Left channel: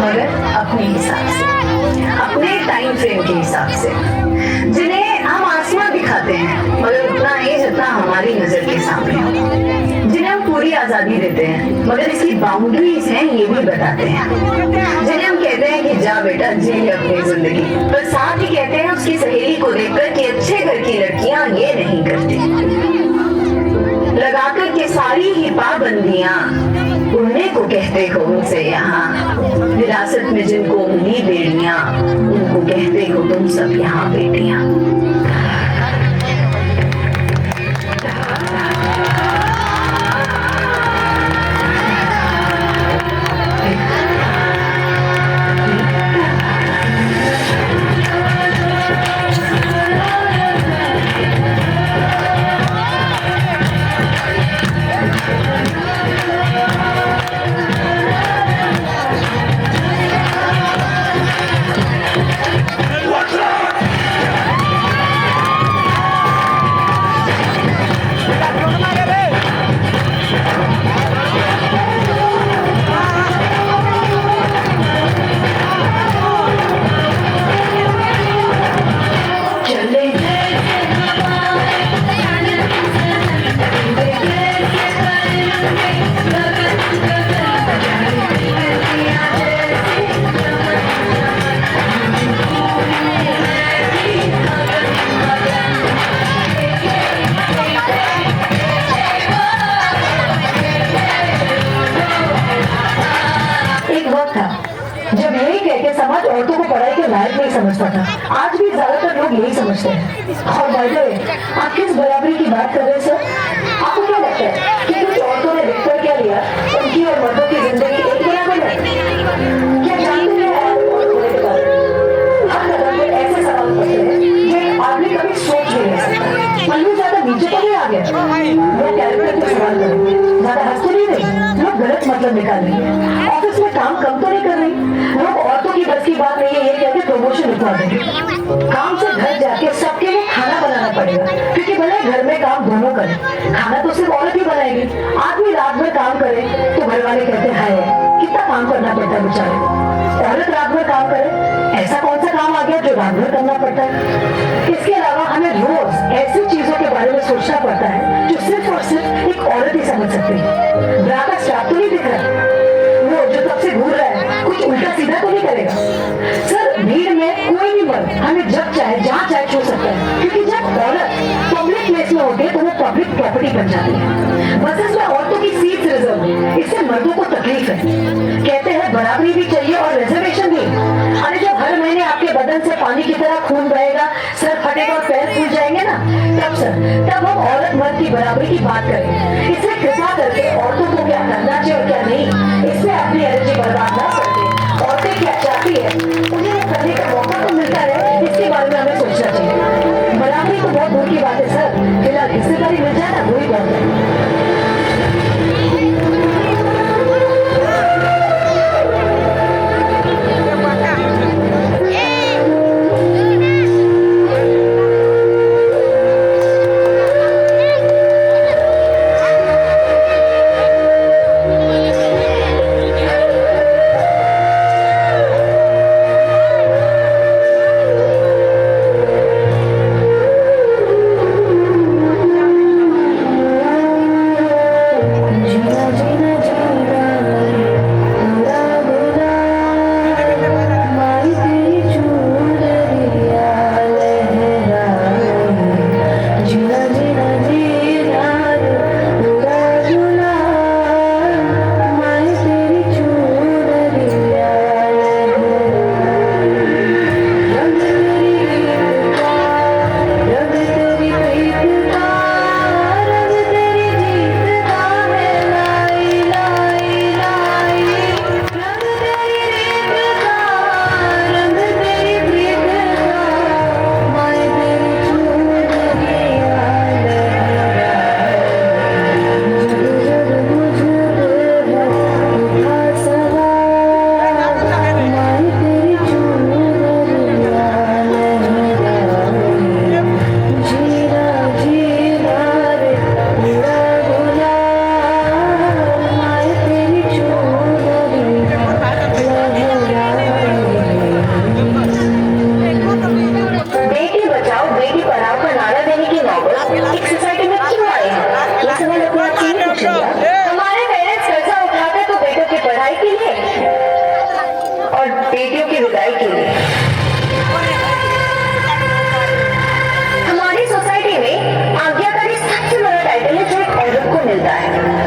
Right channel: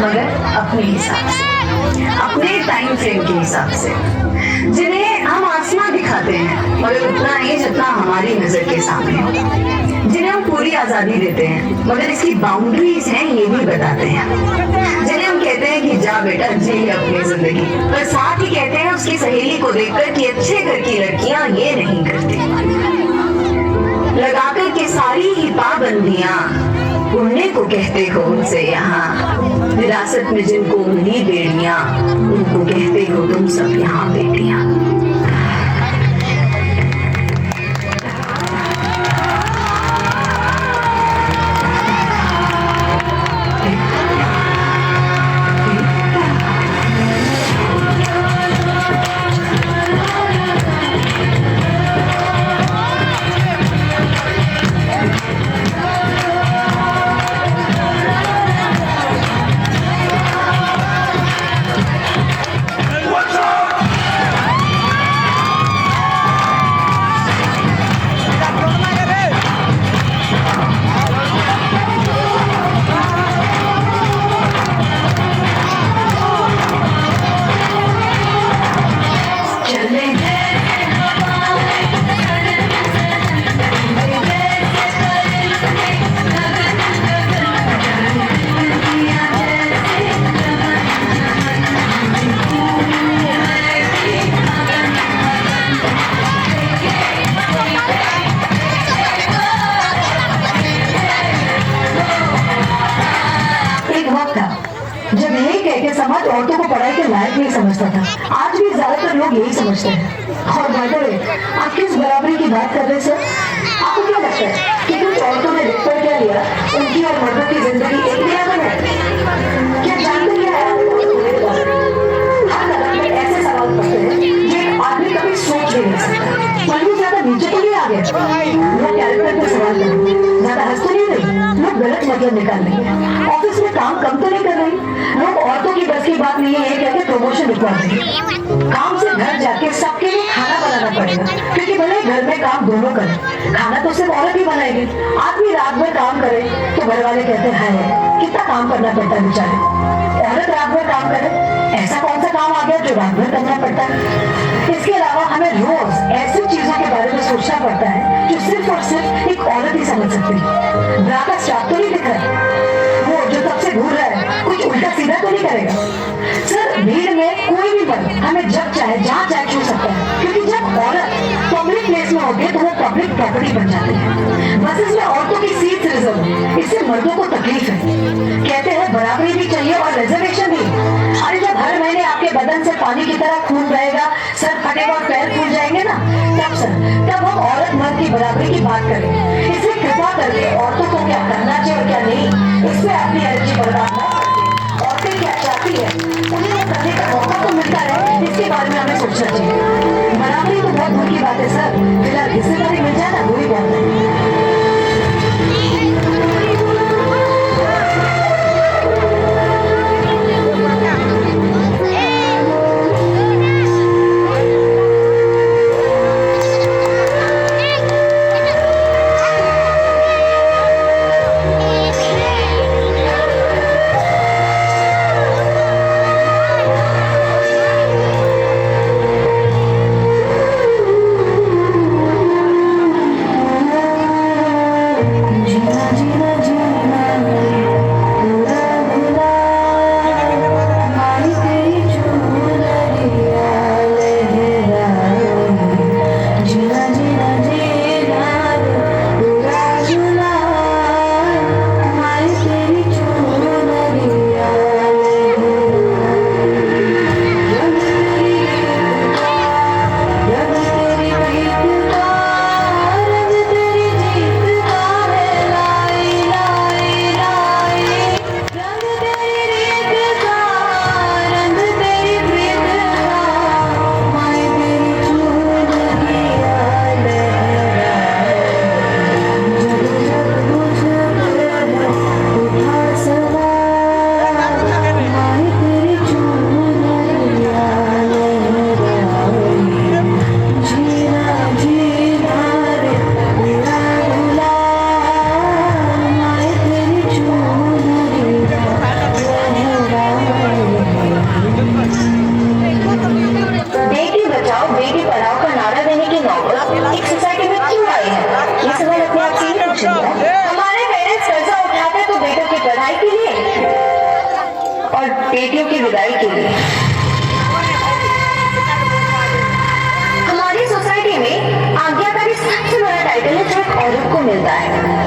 मगर अपने हिसाब से, अपने टाइम फ्रेम के हिसाब से, जिन्हें हम आसमां दिखाते हैं मगर उतना ही जितना हमारी नजर के सामने हो, जिन्हें हम पूरी आजादी देते हैं मगर इसकी बाउंड्रीज हैं ये भी बताते हैं, जिन्हें हम कहते हैं कि जा बेटा जी अपनी जिंदगी, पर साथ ही कहते हैं उसकी सहेली को देखकर कि अच्छे घर की लड़कियां ये नहीं करती, लगाकर के सारी ही पाबंदियां उड़ने को कहते हो उनसे यहाँ, विरासत में जिनको मिली बेड़ियां उनको कहते हो तुम सब यहाँ बेटियां। जब यही कहकर समाज औरतों को पढ़ाई के लायक नहीं समझता था, आज भी ज्यादातर लोग यही समझते हैं। और बाय द वे, आप किस बराबरी की बात कर रहे हैं सर? आपको क्या लगता है कि कुछ औरतों ने रिश्ता क्या लिया, उनकी और मर्दों की जिंदगी एक में है? क्या जानते हैं हर कदम में ऐसे सवाल करते हैं जो आदमी कभी सोच भी नहीं सकता। पल्लू ज्यादा नीचे तो नहीं आ गया, वो कैरेक्टर पे सवाल करें, ज्यादा हंस तो नहीं रही, लोग गलत मतलब निकाल रहे हैं, ऑफिस में काम कम तो नहीं कर रही, लोग औरतों की बस की बात नहीं है ये कहते प्रमोशन उठा रहे हैं, काम से घर जाके सबके लिए खाना बनाना पड़ेगा, क्योंकि भले घर में काम दोनों करें, खाना तो सिर्फ औरत ही बनाएगी। आदमी रात भर काम करे तो घर वाले कहते हैं हाय कितना काम करना पड़ता है बेचारे, औरत रात भर काम करे, ऐसा कौन सा काम आ गया जो रात भर करना पड़ता है? इसके अलावा हमें रोज ऐसी चीजों के बारे में सोचना पड़ता है जो सिर्फ और सिर्फ एक औरत ही समझ सकती है। ब्रा का स्टाफ तो नहीं दिख रहा, वो जो सबसे घूर रहा है कुछ उल्टा सीधा तो नहीं करेगा? सर भीड़ में कोई भी मर्द हमें जब चाहे जहाँ चाहे छू सकता है, क्योंकि जब औरत पब्लिक प्लेस में होती है तो वो पब्लिक प्रॉपर्टी बन जाती है। बसेस में औरतों की सीट रिजर्व, इससे मर्दों को तकलीफ है, कहते हैं बराबरी भी चाहिए और रिजर्वेशन भी। अरे जब हर महीने आपके बदन से पानी की तरह खून बहेगा, सर फटेगा और पैर फूल जाएंगे ना, तब सर तब हम औरत मर्द की बराबरी की बात करें। इसलिए कृपा करके औरतों को क्या करना चाहिए और क्या नहीं, इससे अपनी एनर्जी बर्बाद ना करते। औरतें क्या चाहती है उन्हें करने का मौका तो मिलता है, इसके बारे में हमें सोचना चाहिए। बराबरी तो बहुत दूर की बात है सर, फिलहाल हिस्सेदारी मिल जाए ना वही बात है। बेटियों की विदाई के लिए। हमारी सोसाइटी में आज्ञाकारी सबसे बड़ा टाइटल है जो एक औरत को मिलता है।